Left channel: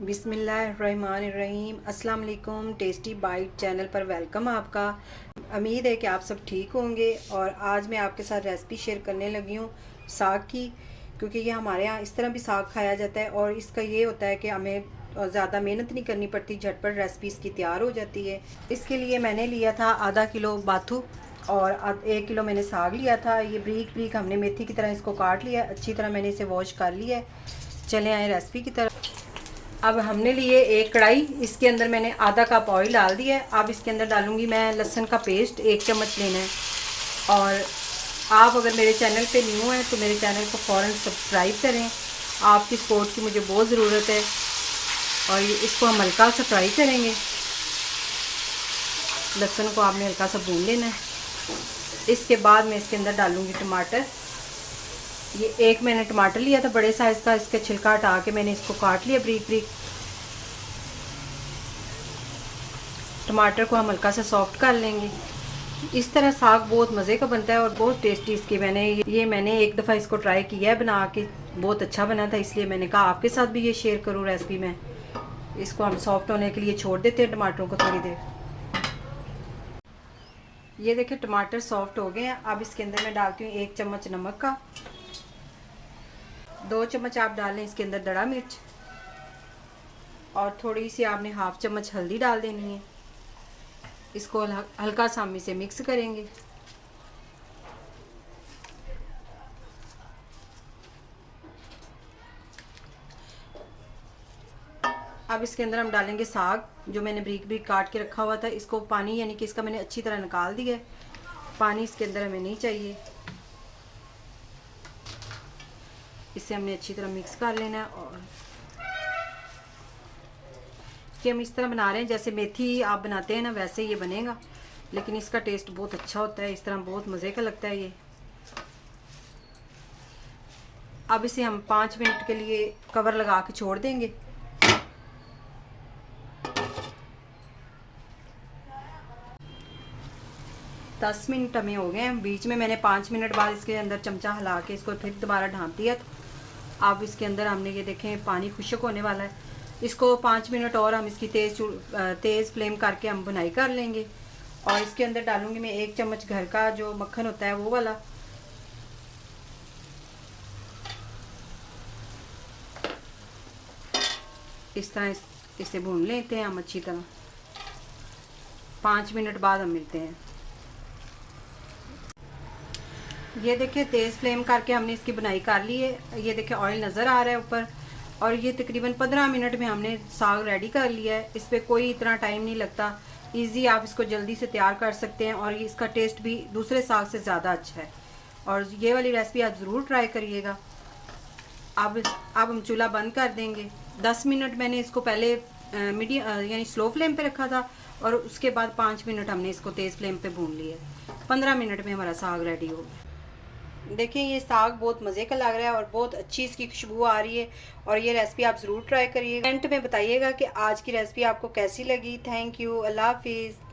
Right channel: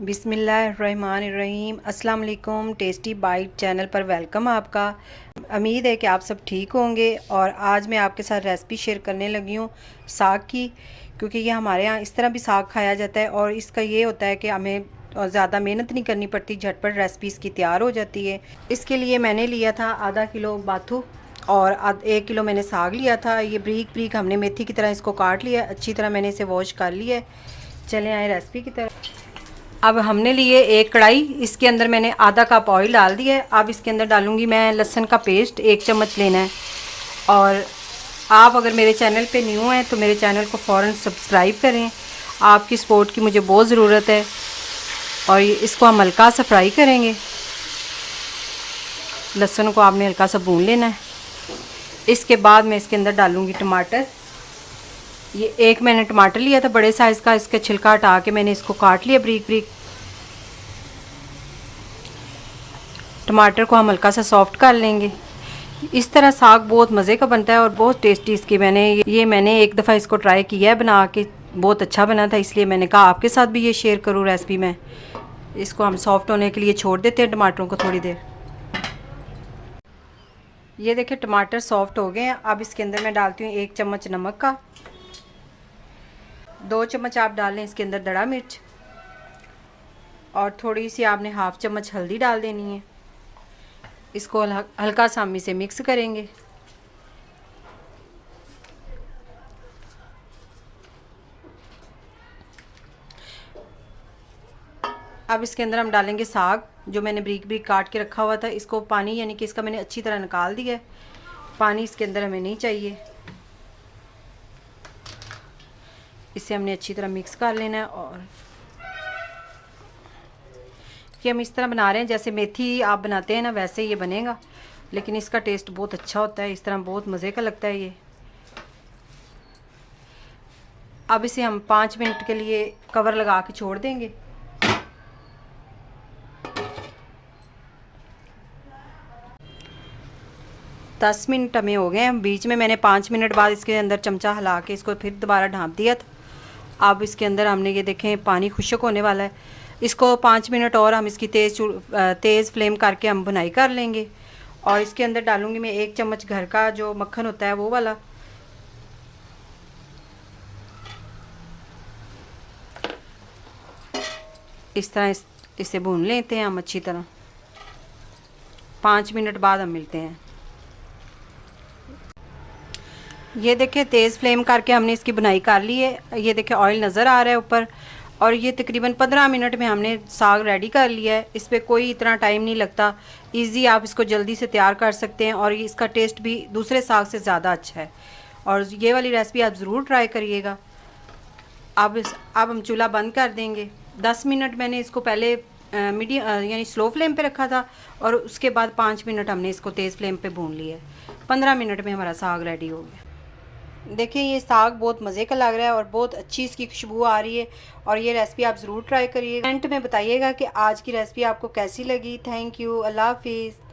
बिस्मिल्लाहिर्रहमानिर्रहीम। अस्सलाम वालेकुम। टेस्टी बाइट चैनल पर वेलकम आपका। उम्मीद है कि आप सब ठीक होंगे। और आज मैं आपके साथ रेसिपी शेयर करने लगी हूँ साग की, क्योंकि ये हमारे यहाँ इस तरह भी साग खाया जाता है और इसका ये होता है कि हमें ज़्यादा मेहनत नहीं करनी पड़ती, झटपट रेसिपी इसकी तैयार हो जाती है। इसके लिए मैंने लिया था आधा किलो बाथू और 1 किलो मैंने साग लिया था। ये ब्रीक ब्रीक हमने मेथी की तरह इसको काट लिया, अच्छी तरह मैंने इसे वॉश कर लिया है। चले आए रेसिपी की तरफ। अब हमने लिए एक कढ़ाई, इसके अंदर मैंने आधा कप ऑयल डाल दिया है। अब इसके अंदर डालूंगी मैं लहसुन का पेस्ट, 1 चम्मच लेना है। और आप अगर मेरे चैनल पे न्यू हैं तो मेरे चैनल को फ़ौरन सब्सक्राइब करें, आपकी सपोर्ट की मुझे बहुत ज़रूरत है। और इसको हम हल्का सा फ्राई करेंगे। लहसुन को आपने हल्का सा भून लेना है। इसके बाद मैं इसके अंदर डालूँगी टमाटर। ये एक मैंने टमाटर लिया था बड़े साइज़ का, इसके छिलका हटा के मैंने इसको काट लिया ब्रीक ब्रीक। टमाटर को हम हल्का सा सॉफ्ट कर लेंगे। इस तरह साग बहुत मज़े का बनता है और बहुत टेस्टी इसकी मैंने एक दफ़ा इसको ट्राई किया है बना के, बहुत अच्छा बना था, इसलिए मैंने कहा आपके साथ भी ये शेयर करूँ रेसिपी में। इसको हम सॉफ्ट होने के लिए छोड़ देते हैं टमाटरों को थोड़ी देर। ये देखिए टमाटर सॉफ्ट हो गए हैं। अब इसके अंदर मैं डालती हूँ 1 चम्मच नमक का, 2 चम्मच आप डाल लें इसके अंदर दड़ा मिर्च, और थोड़ी सी आपने हाफ चम्मच हल्दी डाल देनी है। इसको हल्का सा हम इसे मिक्स करेंगे। अब इसके अंदर हम डालेंगे साग जो मैंने ब्रीक ब्रीक काट के रखा हुआ था। इसको पानी यानी कि इसका मैंने अच्छी तरह निकाल दिया है, पानी इसके अंदर हमें नहीं चाहिए। इसे हमने अच्छी तरह मिक्स कर लेना है। और कि हम इस तरह बना रहे हैं जैसे मेथी आप बनाते हैं ना, वैसे ये बनेगा, लेकिन इसका टेस्ट बहुत अच्छा होता है। इस तरह बहुत मज़े का लगता है ये। अब इसे हम 5 मिनट के लिए कवर लगा के छोड़ देंगे। दस मिनट हमें हो गए हैं। बीच में मैंने 5 मिनट बाद इसके अंदर चमचा हिला के इसको फिर दोबारा ढाँप दिया था। अब इसके अंदर हमने ये देखें पानी खुश्क होने वाला है। इसको 5 मिनट और हम इसकी तेज़ फ्लेम करके हम भुनाई कर लेंगे। और इसके अंदर डालूंगी मैं 1 चम्मच घर का जो मक्खन होता है वो वाला। इस तरह इसे भून लेते हैं हम अच्छी तरह। 5 मिनट बाद हम मिलते हैं। ये देखिए तेज़ फ्लेम करके हमने इसकी बुनाई कर ली है। ये देखिए ऑयल नज़र आ रहा है ऊपर। और ये तकरीबन 15 मिनट में हमने साग रेडी कर लिया है। इस पर कोई इतना टाइम नहीं लगता, इजी आप इसको जल्दी से तैयार कर सकते हैं। और इसका टेस्ट भी दूसरे साग से ज़्यादा अच्छा है। और ये वाली रेसिपी आप ज़रूर ट्राई करिएगा। अब हम चूल्हा बंद कर देंगे। 10 मिनट मैंने इसको पहले मीडियम यानी स्लो फ्लेम पे रखा था, और उसके बाद 5 मिनट हमने इसको तेज़ फ्लेम पे भून लिया। 15 मिनट में हमारा साग रेडी हो गया। देखिए ये साग बहुत मज़े का लग रहा है और बहुत अच्छी इसकी खुशबू आ रही है। और ये रेसिपी आप ज़रूर ट्राई करिए। कमेंट में बताइएगा कि आज की रेसिपी आपको कैसी लगी। Thank you. अल्लाह हाफिज़।